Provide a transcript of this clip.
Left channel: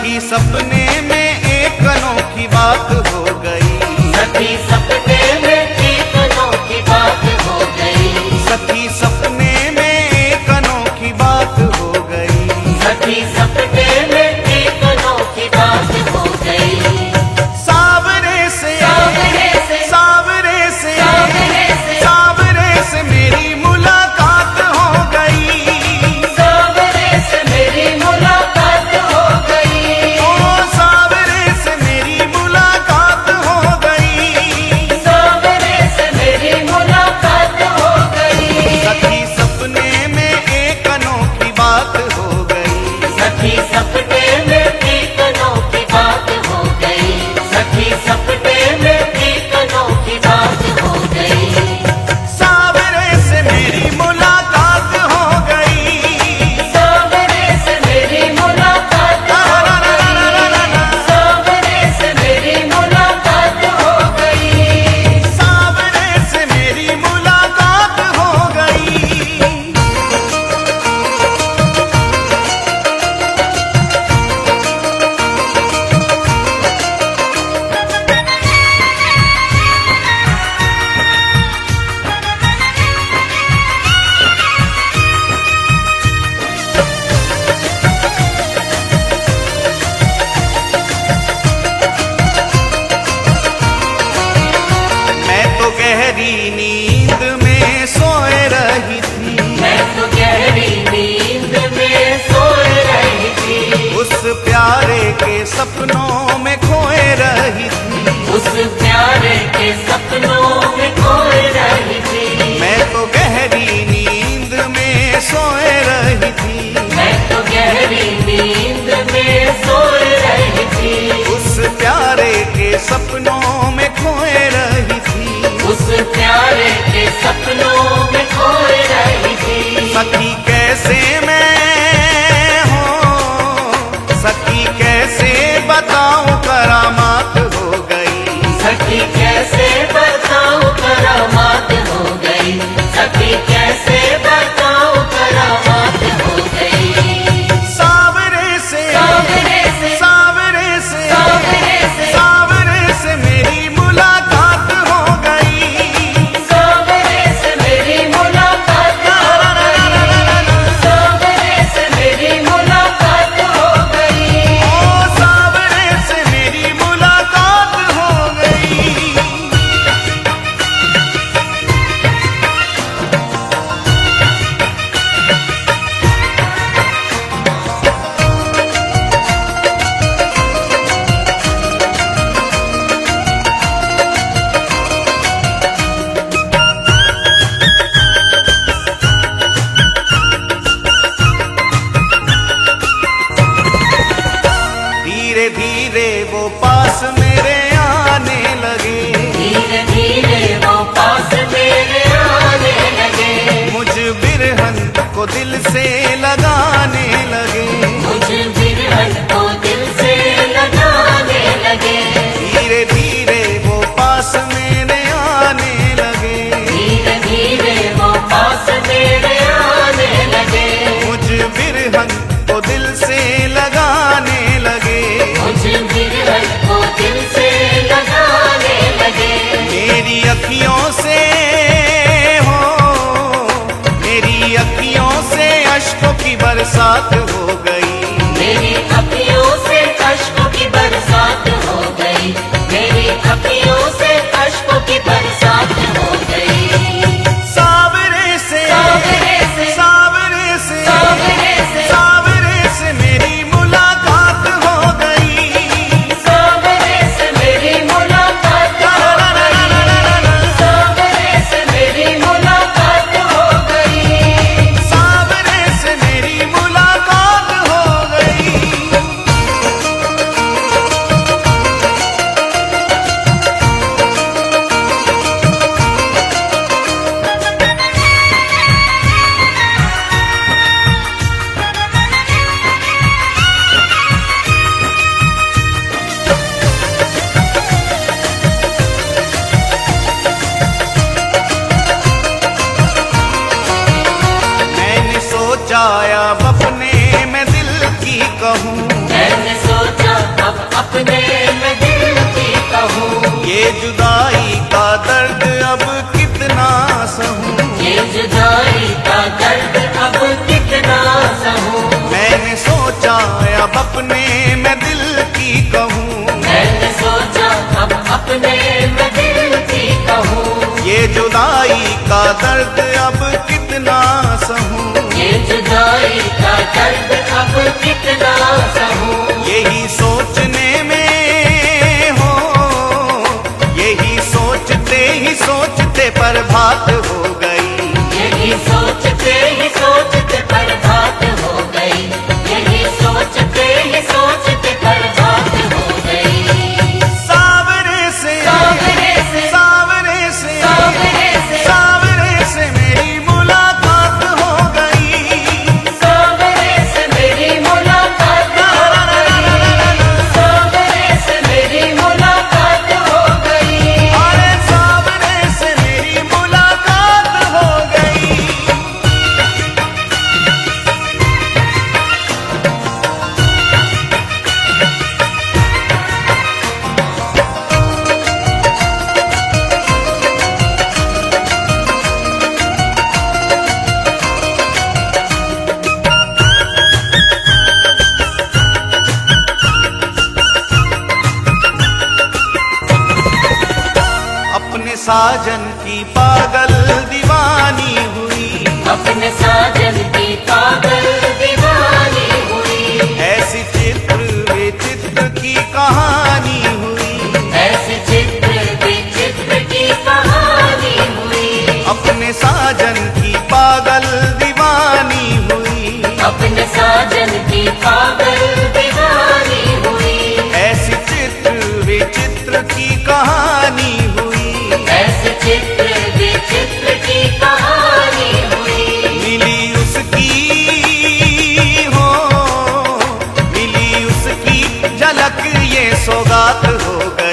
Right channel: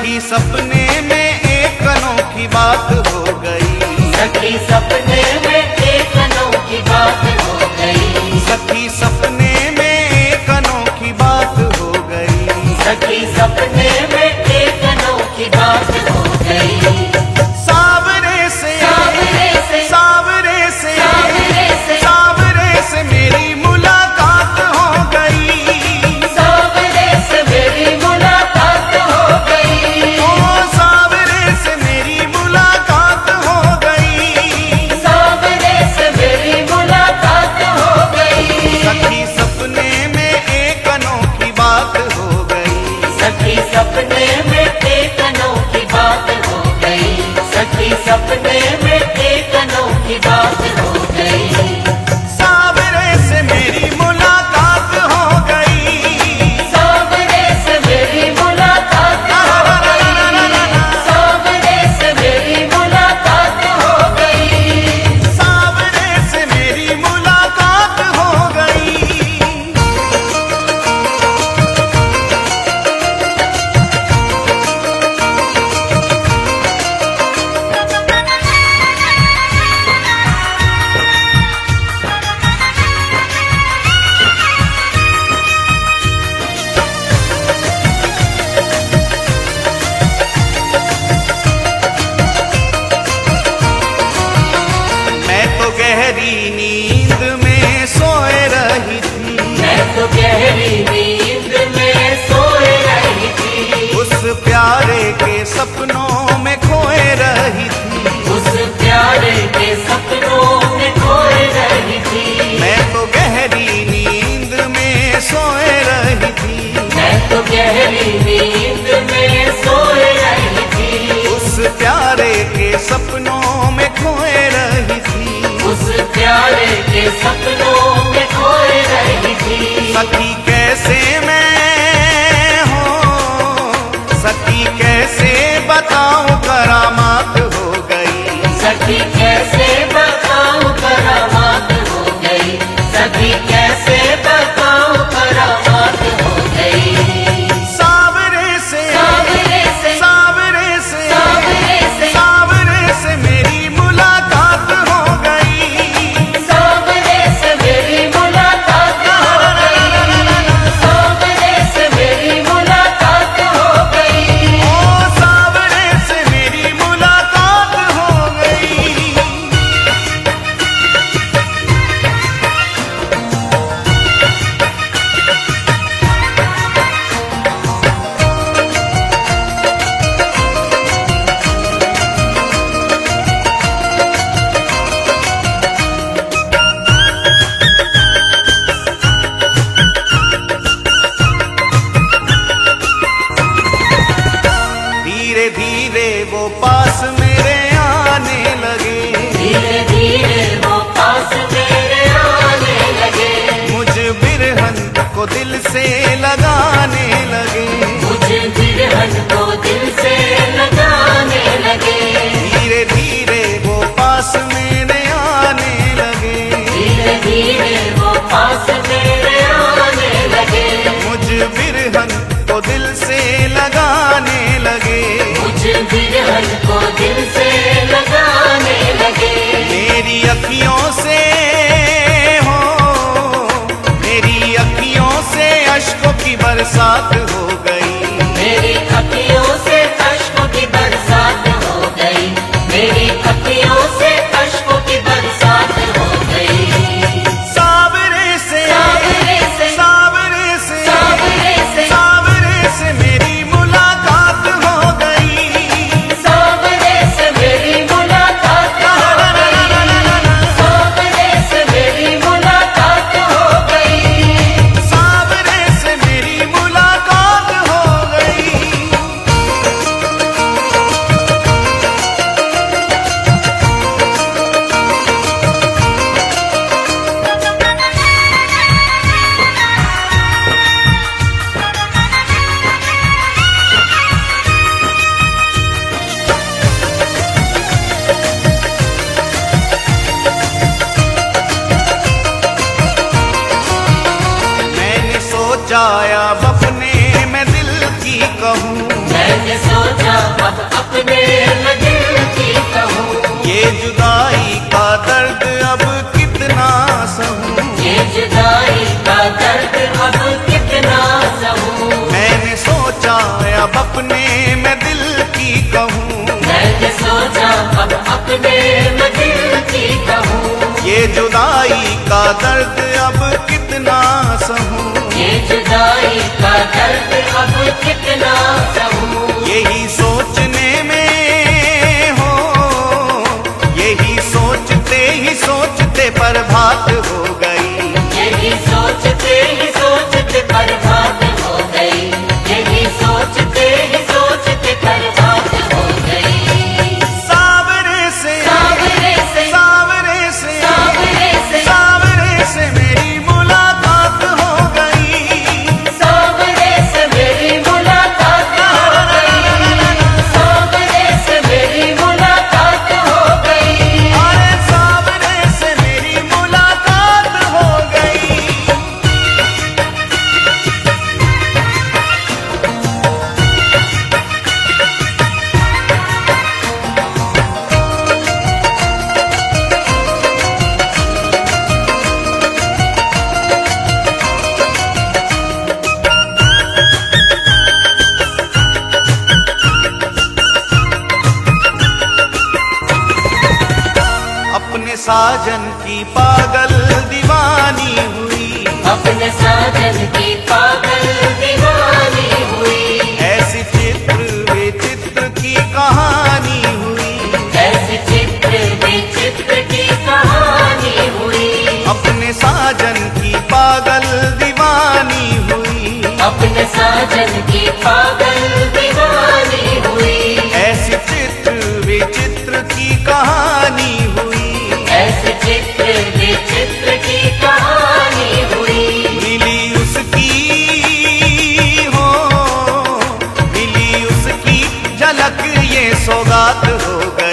सखी सपने में एक अनोखी बात हो गई। सखी सपने में एक अनोखी बात हो गई। सखी सपने में एक अनोखी बात हो गई। सखी सपने में एक अनोखी बात हो गई। सावरे से सावरे से मेरी मुलाकात हो गई। सावरे से मेरी मुलाकात हो गई। ओ सावरे से मेरी मुलाकात हो गई। सावरे से मेरी मुलाकात हो गई। सखी सपने में एक अनोखी बात हो गई। सखी सपने में एक अनोखी बात हो गई। सखी सपने में एक अनोखी बात हो गई। सावरे से मेरी मुलाकात हो गई। सावरे से मेरी मुलाकात हो गई। सावरे से मेरी मुलाकात हो गई। सावरे से मेरी मुलाकात हो गई। मैं तो गहरी नींद में सोए रही थी। मैं तो गहरी नींद में सोए रही थी। उस प्यारे के सपनों में खोए रही थी। उस प्यारे के सपनों में खोए रही थी। मैं तो गहरी नींद में सोए रही थी। मैं तो गहरी नींद में सोए रही थी। उस प्यारे के सपनों में खोए रही थी। उस प्यारे के सपनों में खोए रही थी। सखी कैसे मैं हो, सखी कैसे बताऊं करामात हो गई। सखी कैसे बताऊं करामात हो गई। सखी कैसे बताऊं करामात हो गई। सावरे से सावरे से मेरी मुलाकात हो गई। सावरे से मेरी मुलाकात हो गई। सावरे से मेरी मुलाकात हो गई। ओ सावरे से मेरी मुलाकात हो गई। धीरे धीरे वो पास मेरे आने लगे। धीरे धीरे वो पास मेरे आने लगे। मुझ बिरहन को दिल से लगाने लगे। मुझे बिरहन को दिल से लगाने लगे। धीरे धीरे वो पास मेरे आने लगे। धीरे धीरे वो पास मेरे आने लगे। मुझ बिरहन को दिल से लगाने लगे। मुझे बिरहन को दिल से लगाने लगे। मेरी अखियों से हो, मेरी अखियों से अश्कों की बरसात हो गई। मेरी अखियों से अश्कों की बरसात हो गई। मेरी अखियों से अश्कों की बरसात हो गई। सावरे से सावरे से मेरी मुलाकात हो गई। सावरे से मेरी मुलाकात हो गई। सावरे से मेरी मुलाकात हो गई। सावरे से मेरी मुलाकात हो गई। मैंने सोचा अब अपने मैं दिल की कहूँ। मैंने सोचा ये जुदाई का दर्द अब कितना सहूं, ये जुदाई का दर्द अब कितना सहूं। मैंने सोचा अब अपने मैं दिल की कहूँ, मैंने सोचा अब अपने मैं दिल की कहूँ। ये जुदाई का दर्द अब कितना सहूं, ये जुदाई का दर्द अब कितना सहूं। यही सोचने में हो, यही सोचते ही सोचते प्रभात हो गई, यही सोचते ही सोचते बर्बाद हो गई, यही सोचते ही सोचते बर्बाद हो गई। सावरे से सावरे से सावरे से सावरे से सावरे से मेरी मुलाकात हो गई, सावरे से मेरी मुलाकात हो गई, सावरे से मेरी मुलाकात हो गई। अरे सावरे से मेरी मुलाकात हो गई। अपने साजन की पागल दीवानी हुई, अपने साजन की पागल दीवानी हुई, ऐसी चित्र विचित्र की कहानी हुई, ऐसे चित्र विचित्र की कहानी हुई। अपने साजन की पागल दीवानी हुई, अपने साजन की पागल दीवानी हुई, ऐसी चित्र विचित्र की कहानी हुई, ऐसे चित्र विचित्र की कहानी हुई। मिली उसकी हो, मिली उसकी झलक ये सौगात हो गई।